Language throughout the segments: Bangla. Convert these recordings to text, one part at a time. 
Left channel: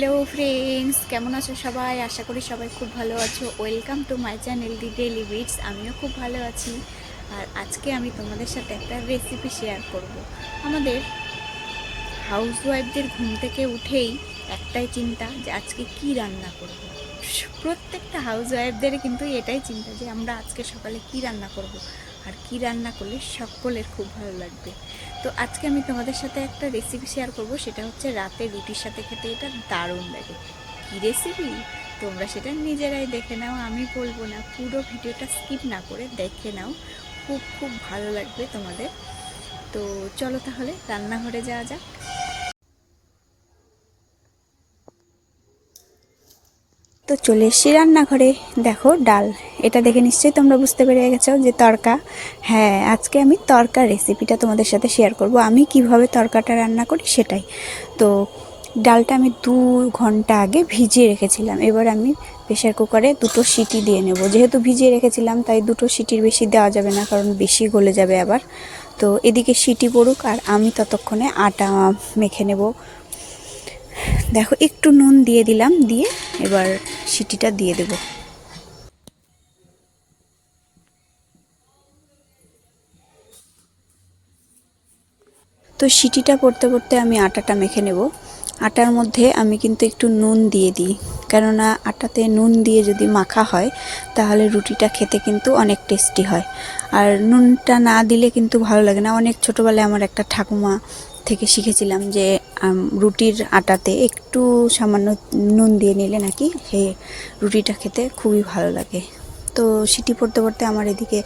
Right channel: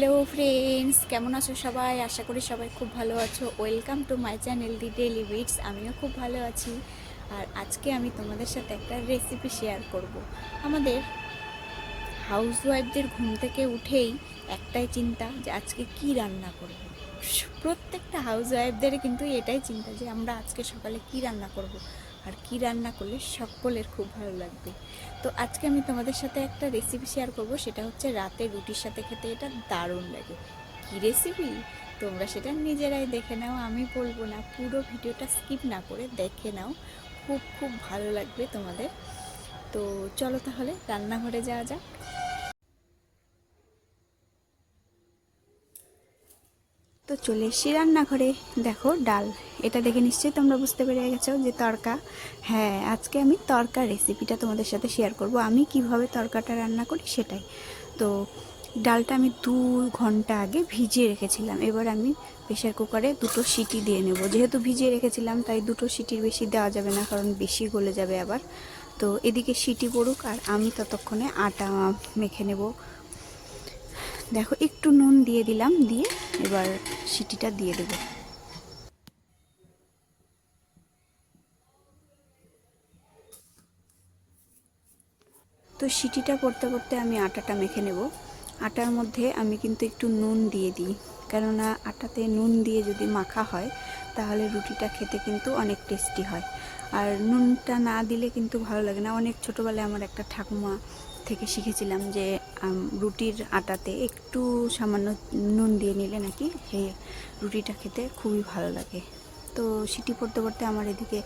হ্যালো ফ্রেন্ডস কেমন আছো সবাই? আশা করি সবাই খুব ভালো আছো। Welcome to my channel the daily wits আমিও খুব ভালো আছি। আর আজকে আমি তোমাদের সাথে একটা রেসিপি শেয়ার করব। আমাদের হাউস ওয়াইফদের ঘুম থেকে উঠেই একটাই চিন্তা যে আজকে কি রান্না করব। প্রত্যেকটা হাউস ওয়াইফদের কিন্তু এটাই চিন্তা যে আমরা আজকে সকালে কি রান্না করব। আর কি রান্না করলে সকলের খুব ভালো লাগবে। তো আজকে আমি তোমাদের সাথে একটা রেসিপি শেয়ার করব, সেটা হচ্ছে রাতে রুটির সাথে খেতে এটা দারুণ লাগে। কী রেসিপি তোমরা সেটা নিজেরাই দেখে নাও, আমি বলব না, পুরো ভিডিওটা স্কিপ না করে দেখে নাও। খুব খুব ভালো লাগবে তোমাদের। তো চলো তাহলে রান্নাঘরে যাওয়া যাক। তো চলে এসছি রান্নাঘরে। দেখো ডাল। এটা দেখে নিশ্চয়ই তোমরা বুঝতে পেরে গেছো যে তরকা। হ্যাঁ আজকে আমি তরকা রেসিপিটা তোমাদের সাথে শেয়ার করব। আমি কীভাবে তরকাটা রান্না করি সেটাই। তো ডালটা আমি দু ঘণ্টা আগে ভিজিয়ে রেখেছিলাম। এবার আমি প্রেশার কুকারে দুটো সিটি দিয়ে নেব। যেহেতু ভিজিয়ে রেখেছিলাম, তাই দুটো সিটির বেশি দেওয়া যাবে না, কারণ বেশি গলে যাবে আবার। তো এদিকে সিটি পড়ুক আর আমি ততক্ষণে আটা মেখে নেব। দেখো, একটু নুন দিয়ে দিলাম, দিয়ে এবার সিটিটা দিয়ে দেব। তো সিটিটা করতে করতে আমি আটাটা মেখে নেব। আটার মধ্যে আমি কিন্তু একটু নুন দিয়ে দিই। কেননা আটাতে নুন দিয়ে যদি মাখা হয়, তাহলে রুটিটা খেতে কিন্তু অনেক টেস্টি হয়। আর নুনটা না দিলে কিন্তু ভালো লাগে না। অনেক ছোটোবেলায় আমার একটা ঠাকুমা থেকে শিখেছিলাম যে রুটির আটাতে একটু সামান্য নুন দিয়ে নিলে নাকি সে রুটিটা খেতে খুবই ভালো লাগে। তো সিটি পড়তে পড়তে আমার এদিকে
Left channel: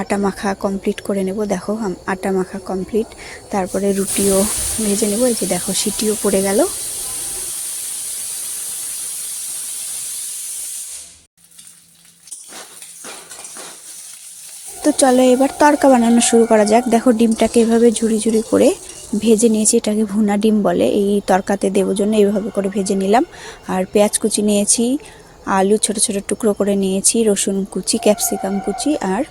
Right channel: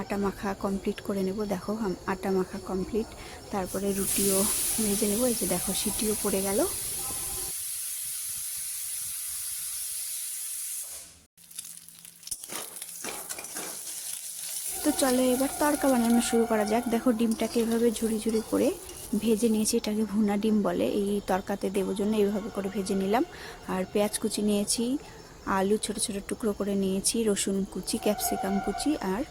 আটা মাখা কমপ্লিট করে নেব। দেখো আটা মাখা কমপ্লিট। তারপরে রুটিও ভেজে নেব। এই যে দেখো, সিটিও পড়ে গেল। তো চলো এবার তড়কা বানানো শুরু করা যাক। দেখো ডিমটাকে এভাবে ঝুড়ি ঝুড়ি করে ভেজে নিয়েছি, এটাকে ভুনা ডিম বলে। এই তরকাতে দেবো জন্য এইভাবে করে ভেজে নিলাম। আর পেঁয়াজ কুচি নিয়েছি, আলু ছোট ছোট টুকরো করে নিয়েছি, রসুন কুচি, ক্যাপসিকাম কুচি আর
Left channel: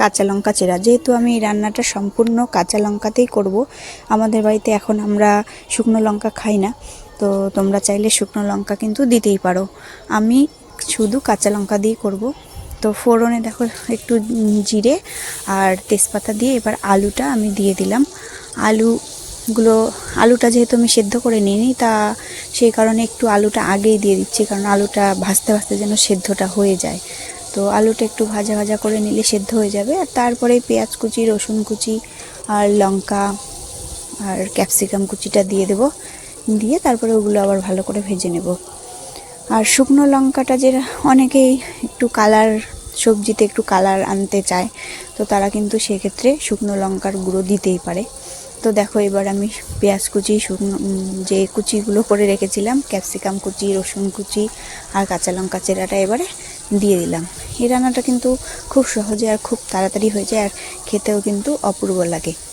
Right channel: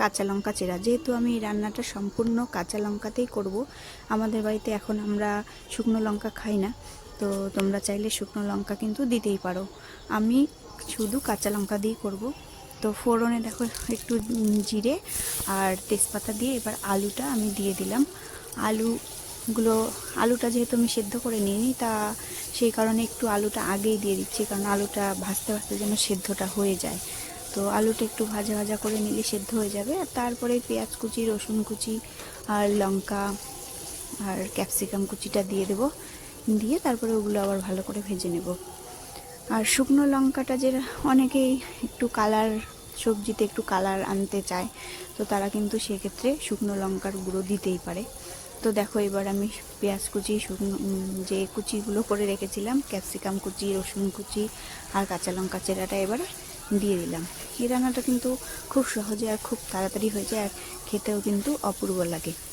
কাঁচা লঙ্কা চেরা। যেহেতু আমি এই রান্নাটা সম্পূর্ণ কাঁচা লঙ্কাতেই করব, আমাদের বাড়িতে এখন আমরা শুকনো লঙ্কা খাই না, তো তোমরা চাইলে শুকনো লঙ্কা কিন্তু দিতেই পারো। আমি শুধু কাঁচা লঙ্কা দিয়েই করব। তো ফোড়নে দেখো একটু জিরে আর তেজপাতা দিয়ে এবার আলুটা আমি দিয়ে দিলাম। আলুগুলো, আলুটা যেহেতু আমি সেদ্ধ করে নিইনি, তা সেই কারণে একটু আলুটা আগেই দিয়ে দিচ্ছি, কারণ আলুটা ভাজতে ভাজতে যেন সেদ্ধটা হয়ে যায়। তো আলুটা একটু ভাজা ভাজা করে নিলে সেদ্ধ হয়ে যাবে। আর তারপরে পেঁয়াজ কুচি, রসুন কুচি আর লঙ্কা আর ক্যাপসিকাম কুচিটা দিয়ে দেব। দিয়ে তারপরে ওগুলো আবার ভালো করে ভেজে নেব। আর শুকনো লঙ্কাটা যে অনেকেই একটু কালার, সবজিতে একটু কালার আনতে চায়, তো তারা কিন্তু সেক্ষেত্রে শুকনো লঙ্কার গুঁড়ো দিতেই পারে। তো দেখো এবার আমি পেঁয়াজ কুচি, শুকনো যে কুচিগুলো করে রেখেছিলাম, ক্যাপসিকাম কুচি, রসুন কুচি আর কাঁচা লঙ্কা চেরাটা এবারে দিয়ে দিলাম। এই রান্নাটা কিন্তু খুব সহজে আর খুব তাড়াতাড়ি হয়ে যায় আর খেতেও কিন্তু অপূর্ব লাগে।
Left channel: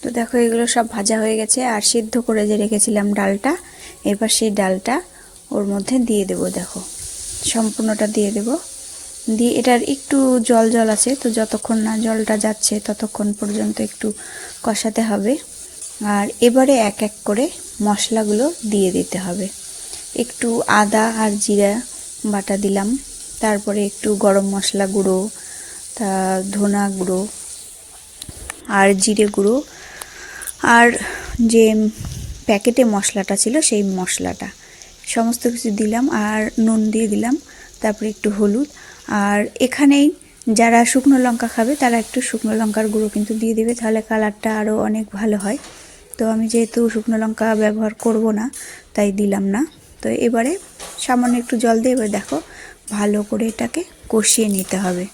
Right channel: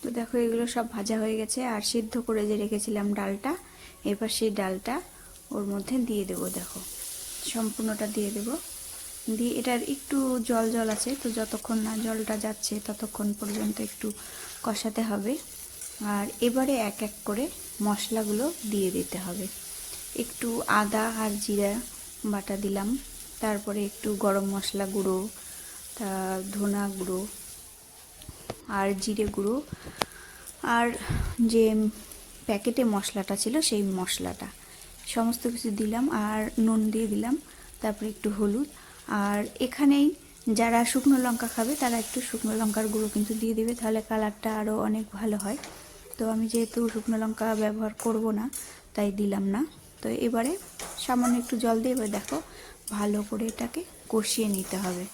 তো দেখো, এগুলো সব ভাজা হয়ে গেছে। আর সিদ্ধ করে যে রেখেছিলাম ডালটা, এবার সেই ডালটা ওর মধ্যে দিয়ে দেব, দেখো। সম্পূর্ণটা দিয়ে দেব। দিয়ে এটার একটু জল জল আছে, তো যতক্ষণ না জলটা যাচ্ছে ততক্ষণ পর্যন্ত একটু কষাতে হবে। আর এবারে এক এক করে মশলাগুলো দিয়ে দিতে হবে। একটু আদা আর জিরা বাটা দিলাম, তারপরে একটু গরম মশলা গুঁড়ো, তা ধনা গুঁড়ো আর জিরে গুঁড়ো আর যে প্যাকেটে মশলাটা ছিল সেই মশলাটা। সমস্ত কিছু দিলাম আর নুন দিয়ে দিলাম, তারপরে একটু হলুদ। আর এখানেই যারা শুকনো লঙ্কা খাবে তারা একটু শুকনো লঙ্কার গুঁড়ো কিন্তু দিয়ে দেবে, তাহলে কালারটা আরও অনেক ভালো হয়। তো আমি যেহেতু শুকনো লঙ্কা ব্যবহার করব না, তাই দিলাম না। তো এবারে সামান্য একটু জল দিয়ে এবার দেখো, ভালো করে এটাকে কষিয়ে নিতে হবে।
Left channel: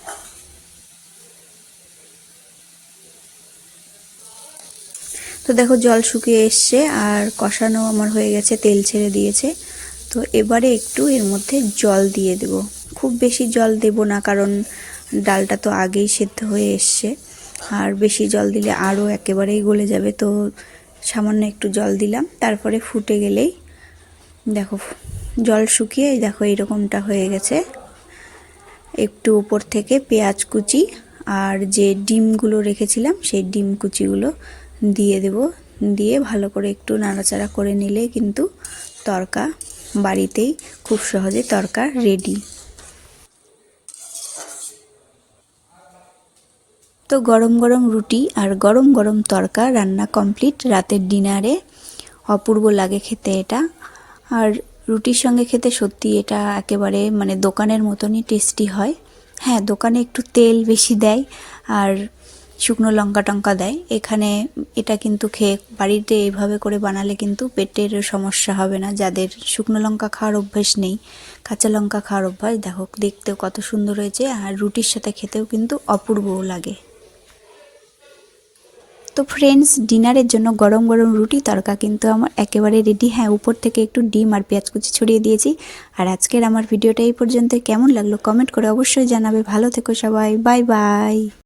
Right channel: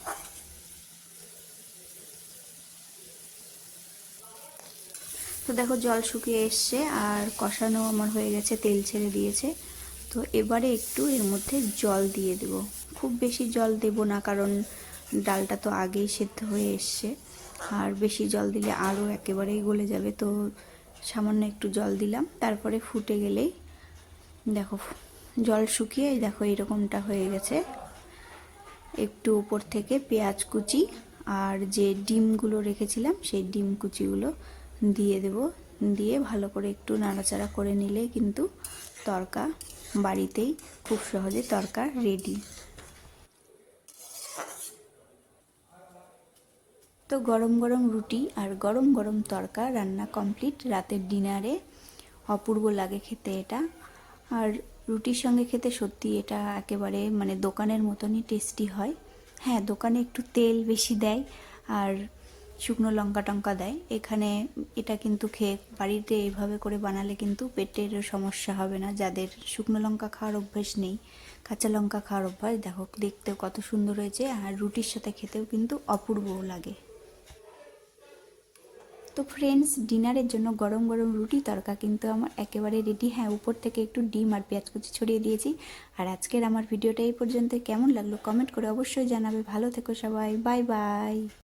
তো দেখো জল শুকিয়ে এসছে আর কষানো আমার হয়ে গেছে, তেল ছেড়ে দিয়েছে। তো এবারে একটু এর মধ্যে জল দিয়ে দেব। খুব বেশি জল দেব না, কারণ ডালটা তো আগেই সেদ্ধ হয়ে এসছে। আর বেশি জল দিলে আরও একেবারেই গলে যাবে, তো সামান্য একটু জল দিলাম। তারপরে ফুটে গেলেই দেখো, জল শুকিয়ে দেখো এরকমটা হয়ে গেছে। একটু উপর থেকে পেঁয়াজ কুচি আর যে ডিমগুলো রেখেছিলাম, সেই ডিম কুচিগুলো দিয়ে দেব। দিয়ে ভালো করে একটু নাড়াচাড়া করে নিলে কিন্তু তরকা বাড়িতেই খুব সহজে তরকা রেডি তো গরম গরম রুটি আর গরম গরম তরকা রান্না কমপ্লিট রাতের ডিনারে অপূর্ব লাগে খেতে এটা। আর রুটির সঙ্গে খেতে সত্যি এটা একেবারে মানে দোকানের মতনই টেস্টি হয়। হ্যাঁ দোকানে একটু তেল বেশি দেয়। আর শুকনো লঙ্কা টঙ্কা দেয়। এখানে এটা কিন্তু খেয়ে বাড়িতে এইভাবে করে বানালে কিন্তু পেটের সমস্যা হবে না। যাদের শুকনো লঙ্কা খাওয়ার অভ্যেস নেই, কাঁচা লঙ্কা খাওয়ার অভ্যাস, দেখো, দেখতেও কত সুন্দর হয়েছে আর রুটির সাথে খেতেও কিন্তু অপূর্বও লাগে। তো ফ্রেন্ডস ডিনারের জন্য গরম গরম রুটি তরকা কিন্তু আমার একেবারে রেডি হ্যাঁ উপর থেকে একটু ডিম আর পেঁয়াজ কুচি ছড়িয়ে দিয়েছি। আর আজকের আমার ভিডিওটা এই পর্যন্ত কেমন লাগল? কমেন্ট করে অবশ্যই জানাবে। ভালো থেকো সবাই। Bye bye